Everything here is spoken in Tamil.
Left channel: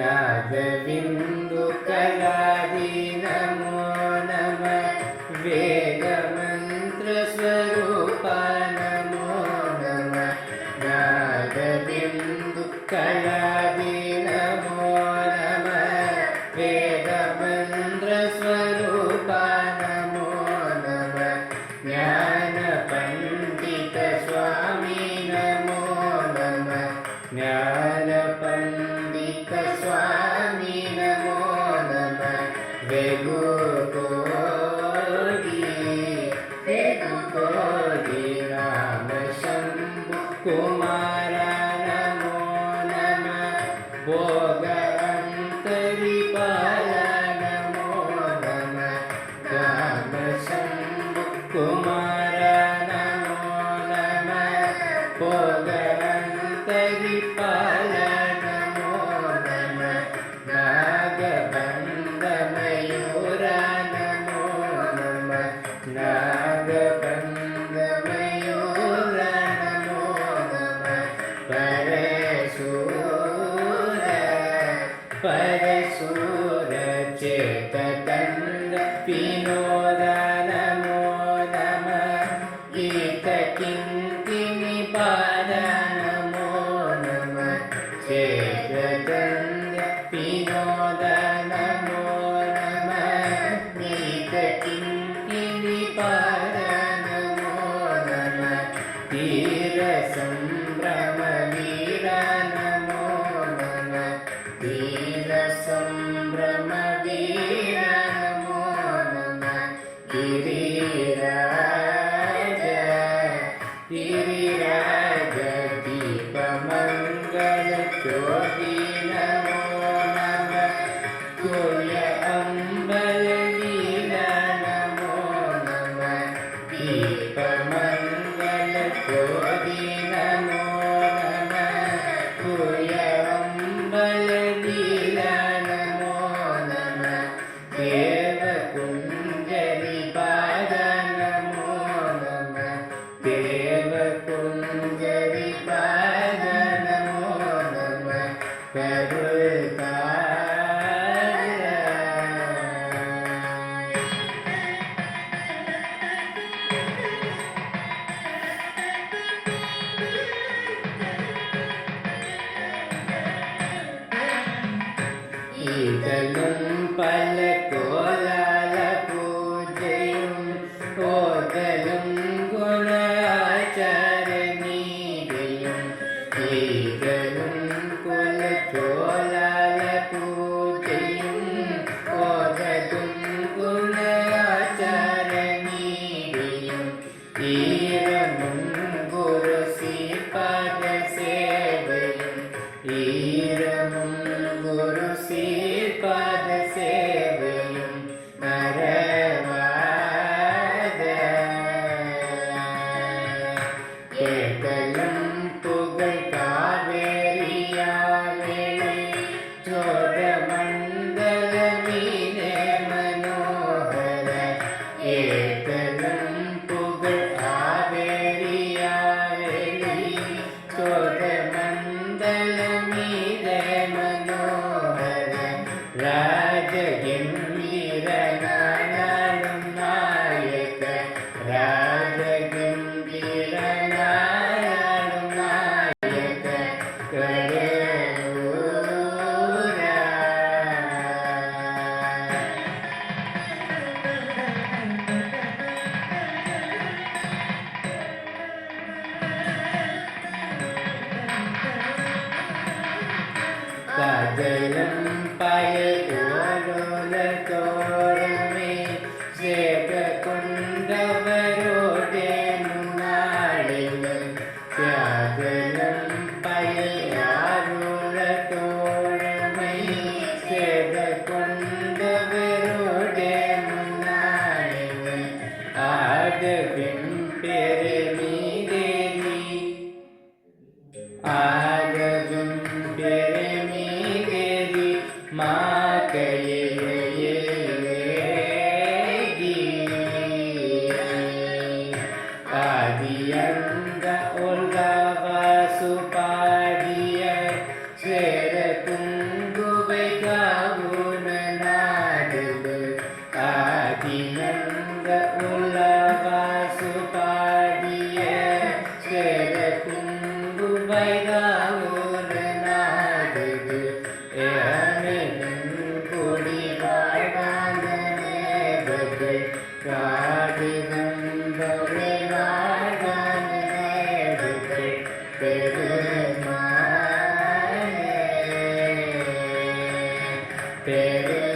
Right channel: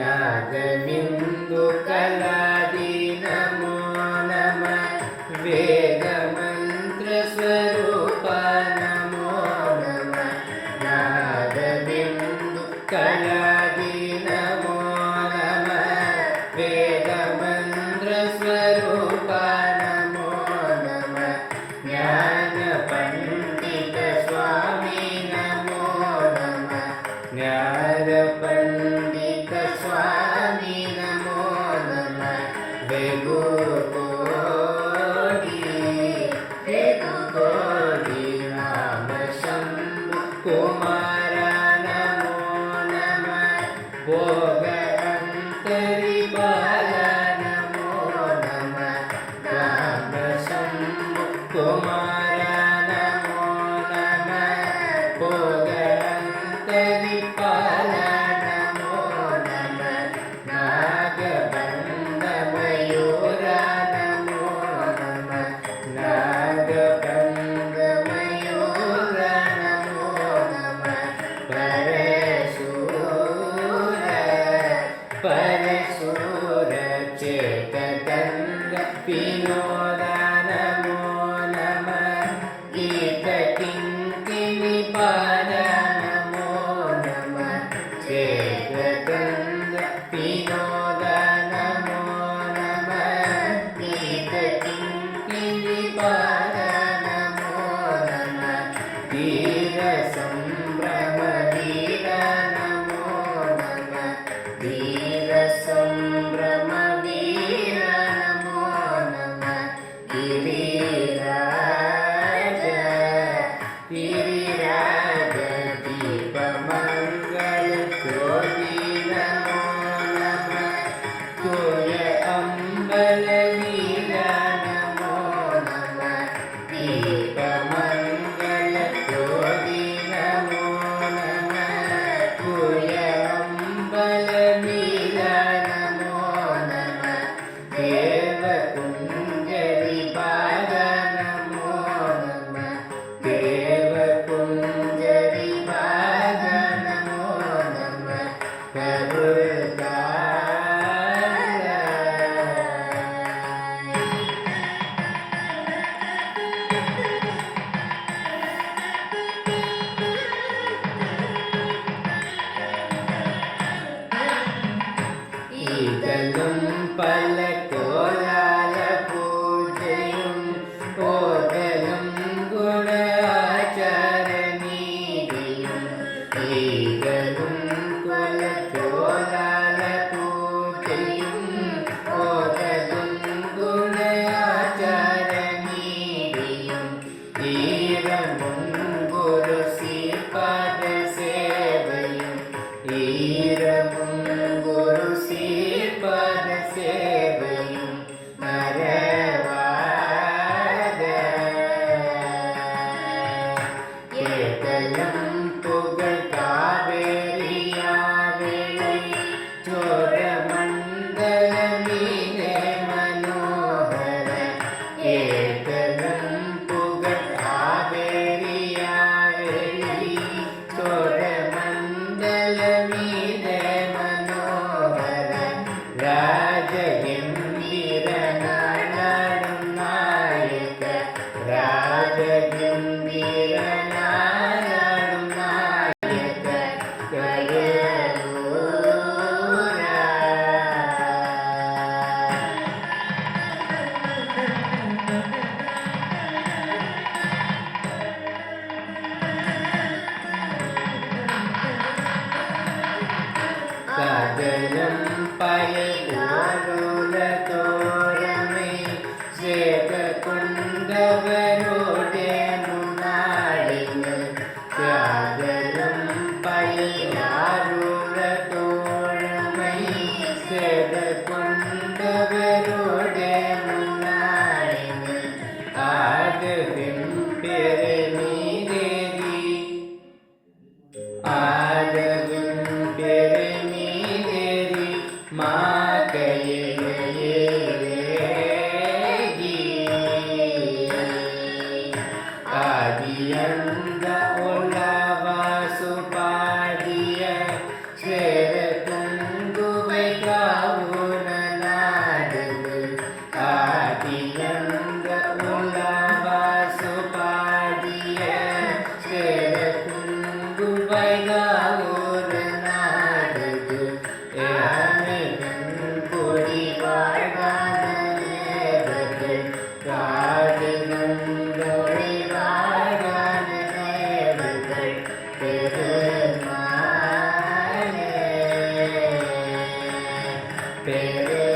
नागविन्दु कलादि नमो नमः वेदमन्त्रस्वरूप नमो नमः नागविन्दु कलादि नमो नमः वेदमन्त्रस्वरूप नमो नमः ज्ञानपण्डित स्वामी नमो नमः ज्ञानपण्डित स्वामी नमो नमः वेगुकोटि राम शम्भु कुमार नमो नमः भोगान्तरिपाल नमो नमः राम शम्भु कुमार नमो नमः भोगान्तरिपाल नमो नमः नागबन्धमयूर नमो नमः नागबन्धमयूर नमो नमः परशूर चेततन्द विनोद नमो नमः गीतकिङ्किणिपाद नमो नमः चेततन्द विनोद नमो नमः गीतकिङ्किणिपाद नमो नमः धीरसम्भ्रमवीर नमो नमः धीरसम्भ्रमवीर नमो नमः गिरिराज दीपमङ्गलज्योति नमो नमः तुय अम्बलवीर नमो नमः दीपमङ्गलज्योति नमो नमः तुय अम्बलवीर नमो नमः देवकुञ्जरिपाद नमो नमः देवकुञ्जरिपाद नमो नमः ஈதலும் பலகோலால பூஜையும் ஓதலும் குண ஆச்சாரநீதியும் ஈதலும் குலச்சோலால பூஜையும் ஓதலும் குண ஆச்சாரநீதியும் ஈரமும் குரு சீபாத சேவையும் ஈரமும் குரு சீபாத சேவையும் நரவாத கேட்டலும் புகழ் காவேரியாவேளை சோத மண்டல மீனே மனோகர ஏத்தலும் புகழ் காவேரியாவேளை சோத மண்டல மீதே மனோகர ராஜகிம்பீர நாளும் நாயக ராஜகிம்பீர நாளும் நாயக கரூர காஜலம் பயலோல தோரமே சேக கொண்டவரோடே முன்னாளில் காஜலம் பயலாருல தோழமை சேக கொண்டவரோடே முன்னாளில் ஆதவிம் பெருமீதேரி ஆதவிம் பெருமீதேரி மாகையேகி ஆதியந்த ஒல்லவ சுபாதிய சேர துங்குவே ஏனின் புடி வாழானது ராஜகம்பரை நாகனது பெருமானே பெரு